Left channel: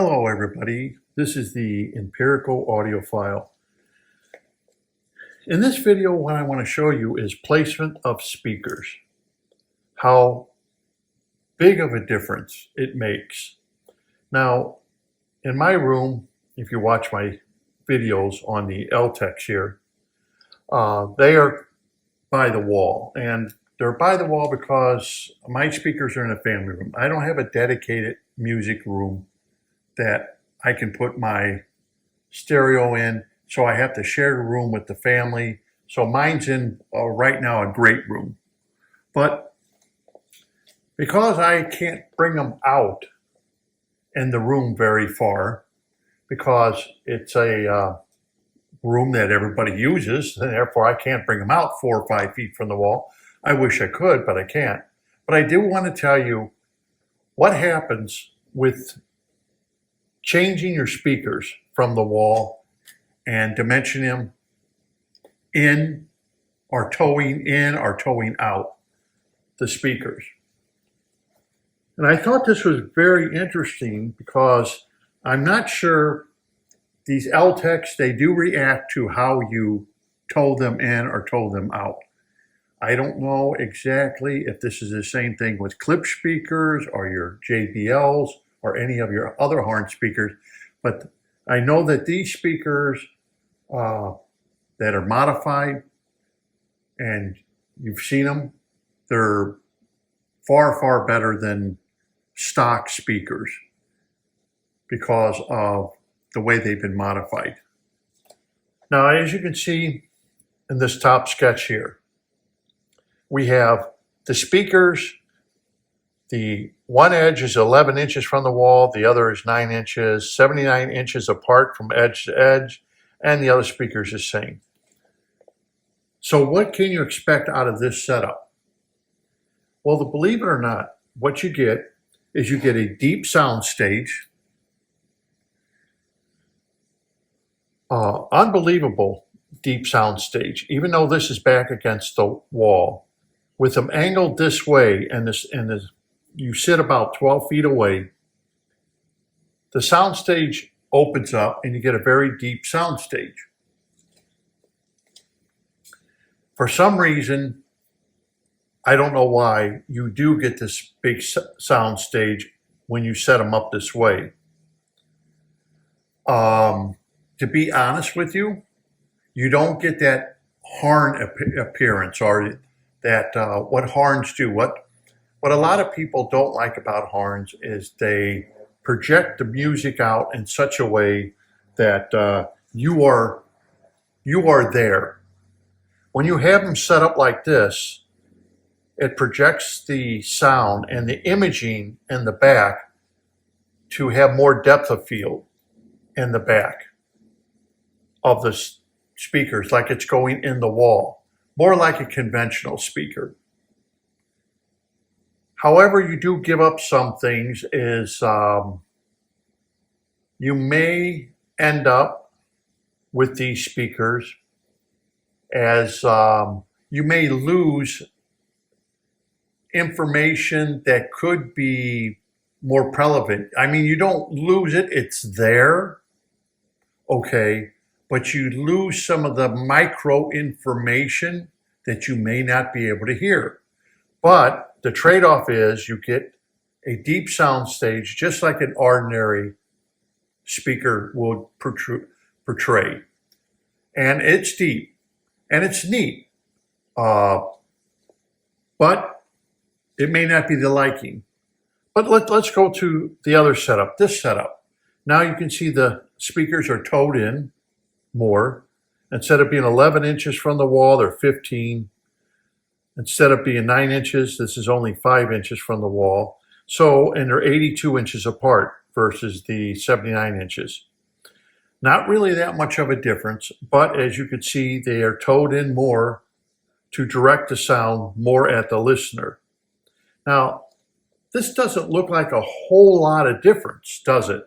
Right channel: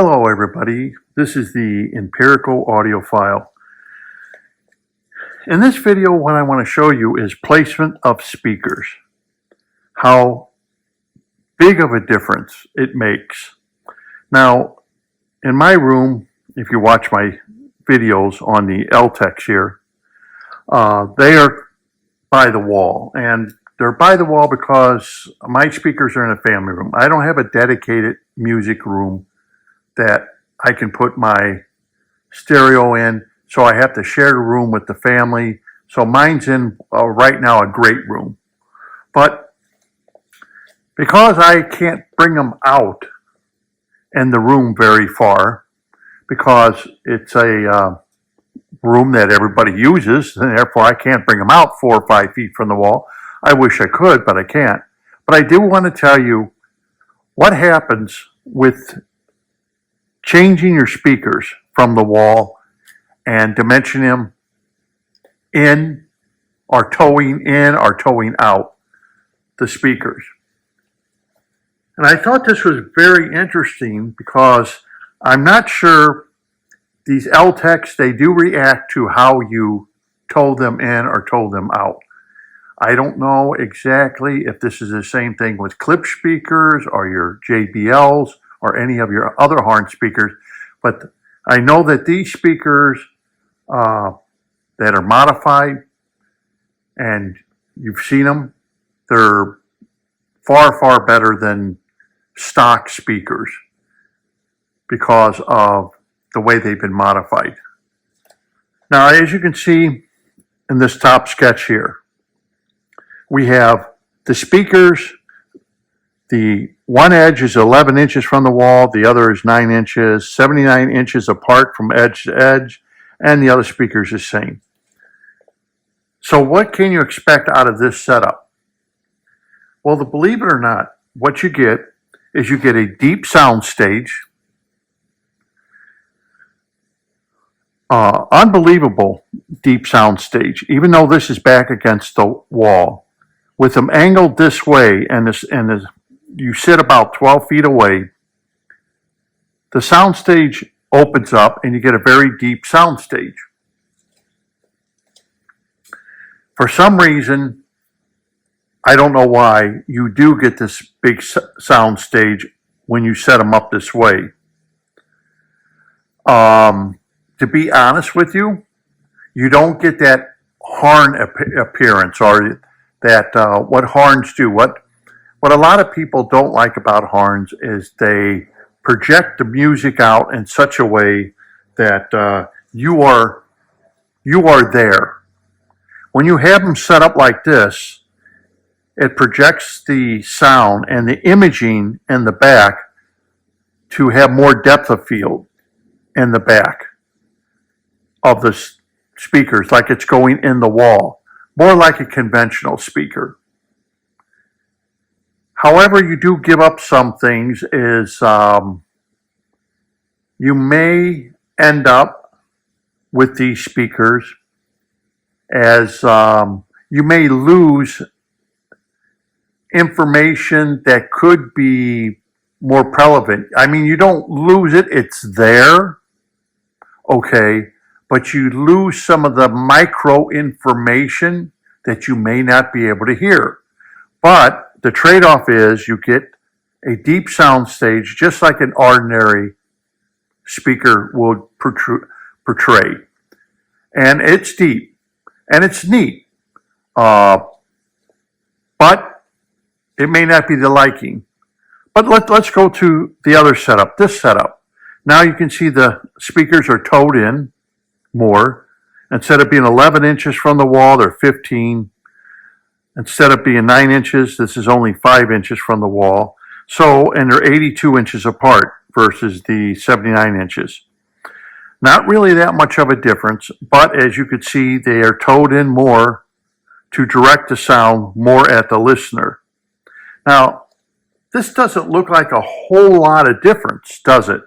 Hello everybody, this is the empirical audiophile. In this video, what I want to show you is placement of speakers. How big of a difference it makes. Now, in my room, if you watch my videos on the LTEX here, they are by the wall. And they're by the wall because my speakers are in a family room. I don't have a dedicated music room that I can put my stereo in, so I have to share the room with the family. So mine's in right now a great room. But because I can't bring them out in the room very far, because it's a room that everybody uses, and therefore I can't bring them out 4 or 5 feet from the wall. I wish I could, but I can't. But I do want to tell you what happens with changing your speakers from the wall and dimensioning them in or towing out the speakers. And I thought this was very interesting because I'm not sure these LTEX, they do react to how you tow them in or tow them out. I don't know exactly if this is the same thing with clip speakers or your JBLs or any of your other horn speakers, but I know that these speakers that are modified, and you've seen them, they're far, far better than stock speakers because of the way they've been modified. Now, as you can see in this top sketch here, we have the speakers. The one edge is 11 inches from the wall, the other is 9 inches, 79 inches apart from edge to edge, and the other speaker is the same. So what can you expect out of this setup? Well, believe it or not, what you get is you get a deep sound stage, unbelievable deep sound stage, even though this is back against the wall, with them angled this way, and you sit about 12 feet away, the soundstage opens up and you get a very deep soundstage. For some reason, I don't know why, you do get this big soundstage when you set them up this way. To be honest with you, you don't get that horn appearance, or that what horns do. What a lot of people don't like about horns is they project the music out in such a way that you are there. When you have them set up like this, it projects the sound and the imaging in the back to have more depth of field in the back of the speakers, like it's going in the wall, more like a conventional speaker. However, you do give up some things is you may end up with these speakers as you may lose information that could be more relevant. I mean, you don't lose it, it's there, okay, but you lose some of the micro information that you may not be able to hear. But the trade-off is you get a deep sound stage, just like an ordinary speaker would portray. And it's deep, and it's neat. But it may not be the liking. But let's go to the other setup, this setup. Now you can see the speakers are towed in more. Instead of being 11 inches from the wall, they're 15. Instead of being 9 inches, this is only 5 inches from the wall. So, and they're 82 inches apart versus the 79 inches. Not really that much of a difference, but as you can see, they are towed in more to direct the sound more at the listener. Now, this doesn't look like a whole lot of difference, does it?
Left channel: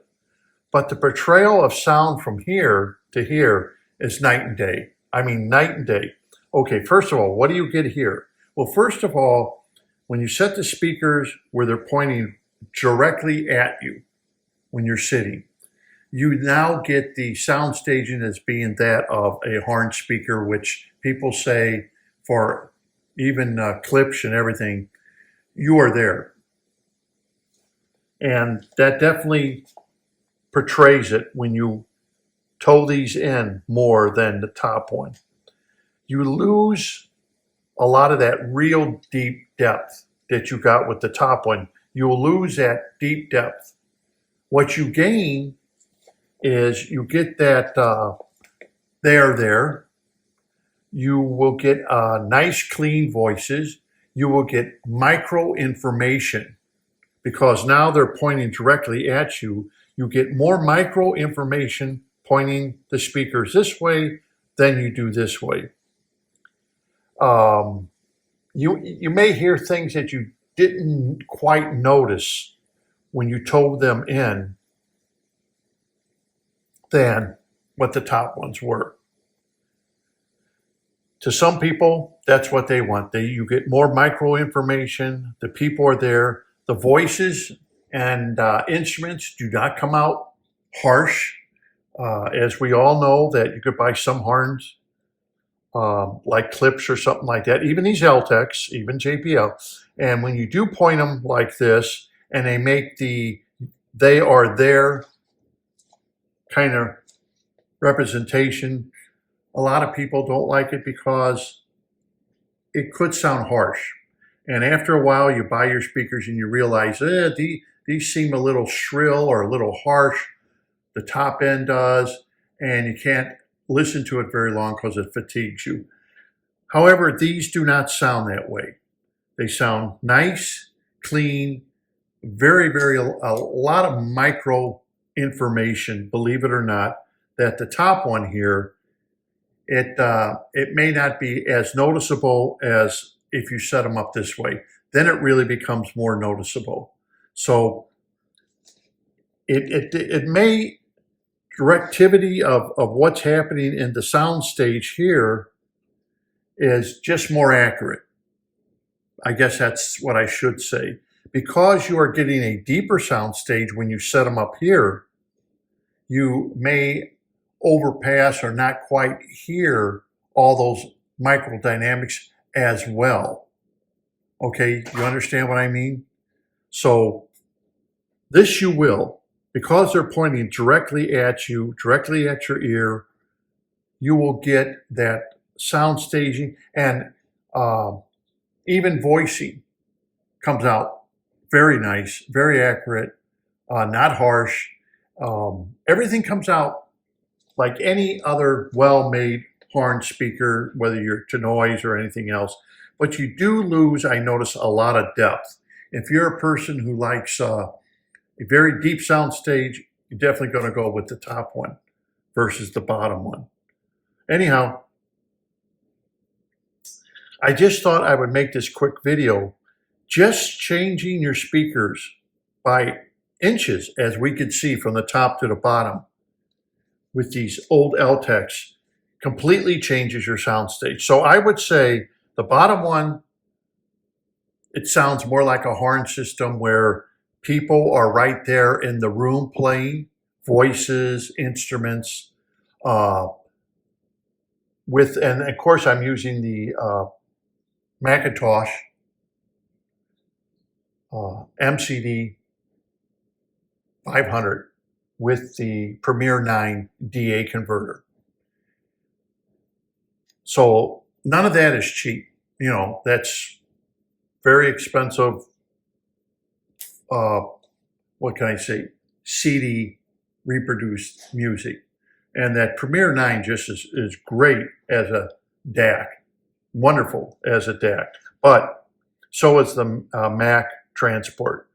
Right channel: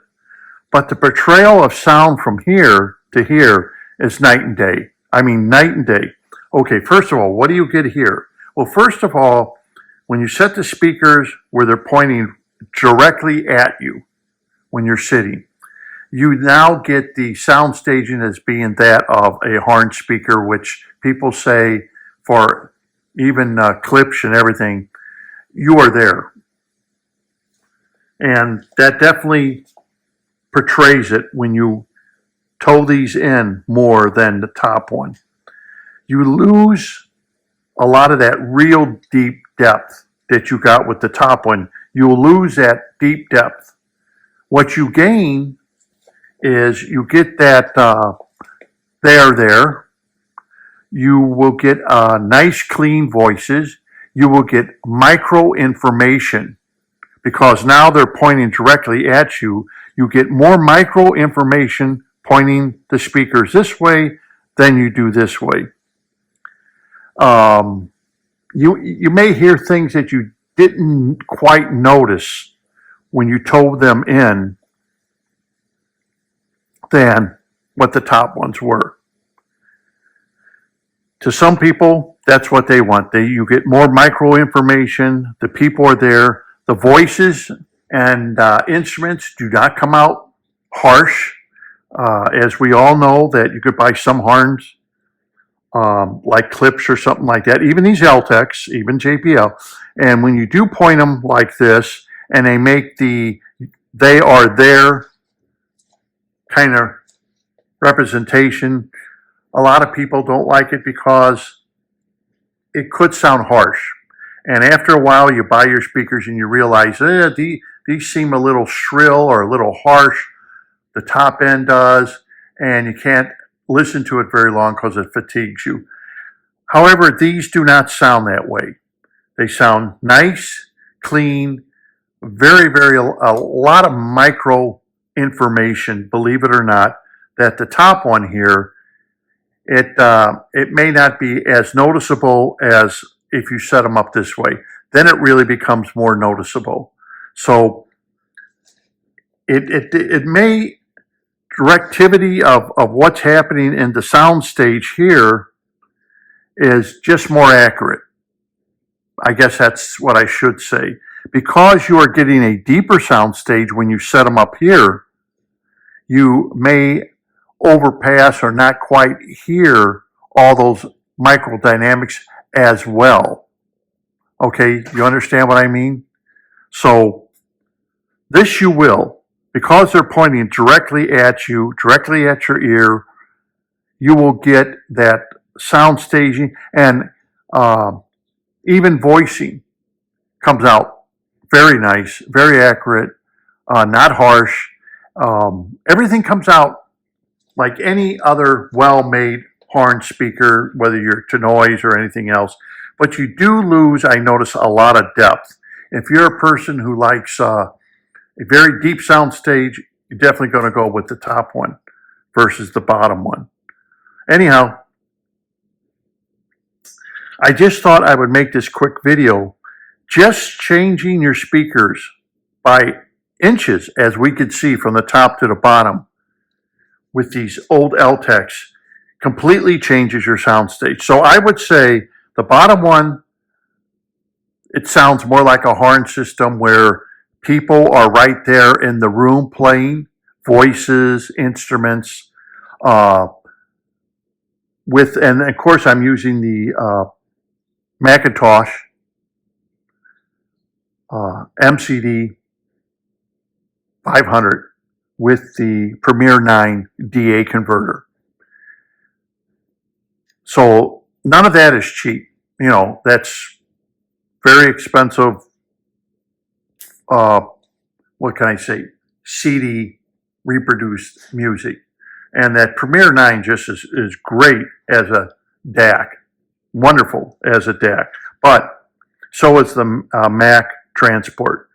But the portrayal of sound from here to here is night and day. I mean, night and day. Okay, first of all, what do you get here? Well, first of all, when you set the speakers where they're pointing directly at you, when you're sitting. You now get the sound staging as being that of a horn speaker, which people say for even clips and everything, you are there. And that definitely portrays it when you toe these in more than the top one. You lose a lot of that real deep depth that you got with the top one. You'll lose that deep depth. What you gain is you get that there. You will get nice, clean voices. You will get micro information because now they're pointing directly at you. You get more micro information pointing the speakers this way than you do this way. You may hear things that you didn't quite notice when you toe them in than what the top ones were. To some people, that's what they want. You get more micro information. The people are there. The voices and instruments do not come out harsh. As we all know that you could buy some horns like clips or something like that, even these L-Techs, even JPL. And when you do point them like this and they make they are there kind of representation, a lot of people don't like it because it could sound harsh. And after a while, you buy your speakers and you realize these seem a little shrill or a little harsh. The top end does, and you can't listen to it very long because it fatigues you. However, these do not sound that way. They sound nice, clean, very, a lot of micro information, believe it or not, that the top one here, it may not be as noticeable as if you set them up this way. Then it really becomes more noticeable. So it may, directivity of what's happening in the sound stage here is just more accurate. I guess that's what I should say. Because you are getting a deeper sound stage when you set them up here, you may overpass or not quite hear all those microdynamics as well. Okay, you understand what I mean? So this you will, because they're pointing directly at you, directly at your ear, you will get that sound staging, and even voicing comes out very nice, very accurate, not harsh. Everything comes out like any other well-made horn speaker, whether you're to noise or anything else. But you do lose, I notice, a lot of depth. If you're a person who likes a very deep sound stage, you're definitely going to go with the top one versus the bottom one. Anyhow, I just thought I would make this quick video. Just changing your speakers by inches, as we could see from the top to the bottom with these old L-Techs, completely changes your sound stage. So I would say the bottom one, it sounds more like a horn system where people are right there in the room playing, voices, instruments, and of course I'm using the Macintosh MCD 500 with the Premier 9 DA converter. So none of that is cheap. You know, that's very expensive, what can I say, CD reproduced music. And that Premier 9 just is great as a DAC, wonderful as a DAC. But so is the Mac Transport.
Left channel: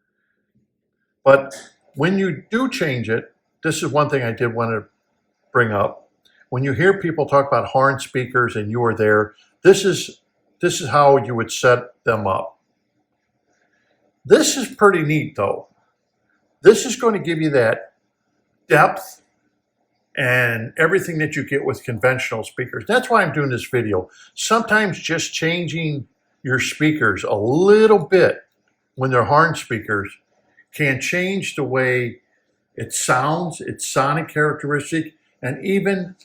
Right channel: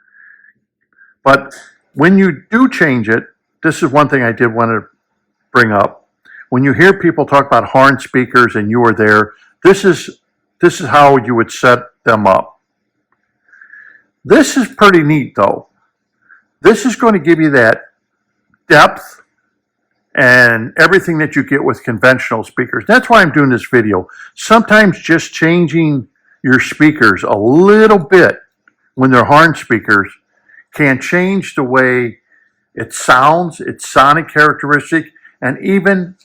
But when you do change it, this is one thing I did want to bring up. When you hear people talk about horn speakers and you are there, this is how you would set them up. This is pretty neat though. This is going to give you that depth and everything that you get with conventional speakers. That's why I'm doing this video. Sometimes just changing your speakers a little bit when they're horn speakers can change the way its sounds, its sonic characteristic, and even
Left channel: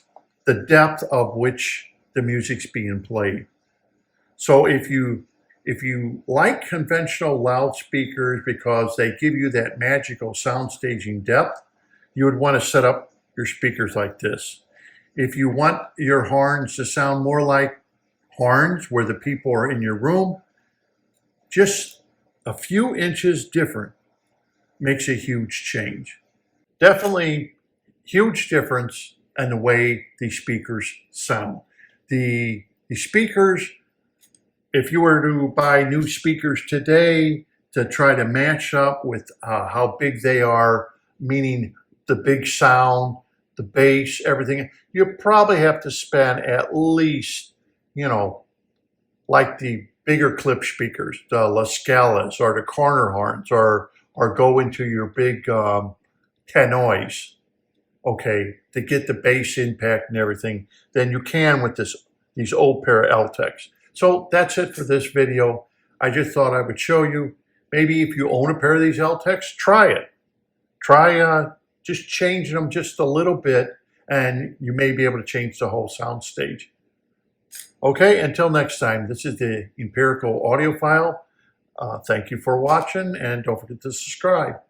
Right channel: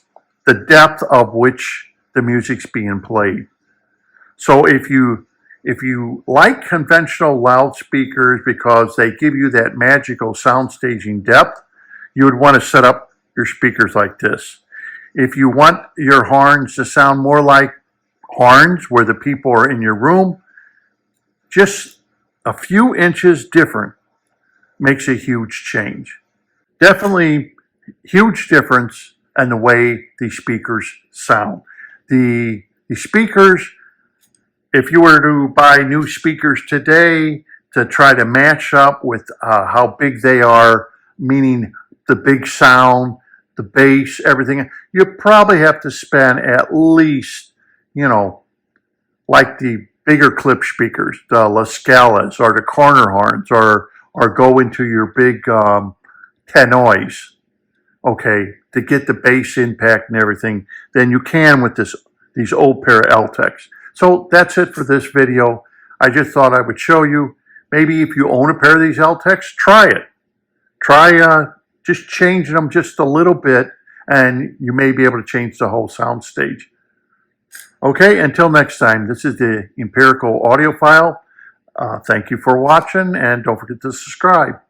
the depth of which the music's being played. So if you like conventional loudspeakers because they give you that magical sound staging depth, you would want to set up your speakers like this. If you want your horns to sound more like horns where the people are in your room, just a few inches different makes a huge change. Definitely huge difference in the way these speakers sound. The speakers, if you were to buy new speakers today to try to match up with how big they are, meaning the big sound, the bass, everything, you probably have to spend at least, like the bigger clip speakers, the La Scalas or the corner horns, or go into your big tannoys, okay, to get the bass impact and everything, than you can with these old pair of L-Techs. So that's it for this video. I just thought I would show you. Maybe if you own a pair of these L-Techs, try it. Try just changing them just a little bit, and you may be able to change the whole sound stage. Okay, until next time, this is the Empirical Audiophile. Thank you for watching, and don't forget to subscribe.